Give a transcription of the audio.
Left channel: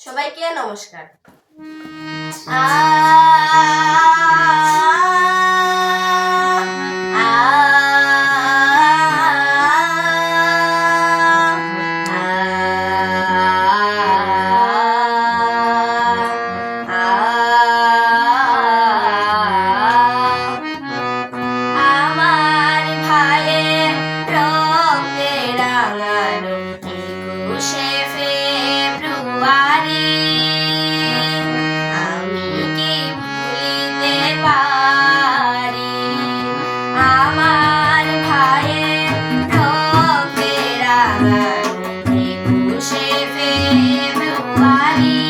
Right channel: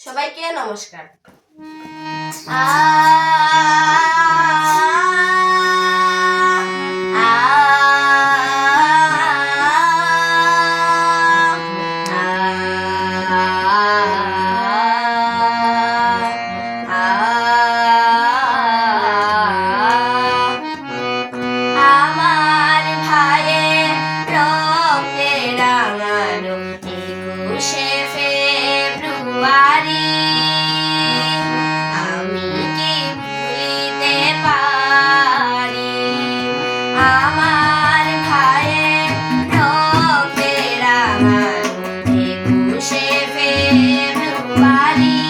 সবাইকে নমস্কার। আ You.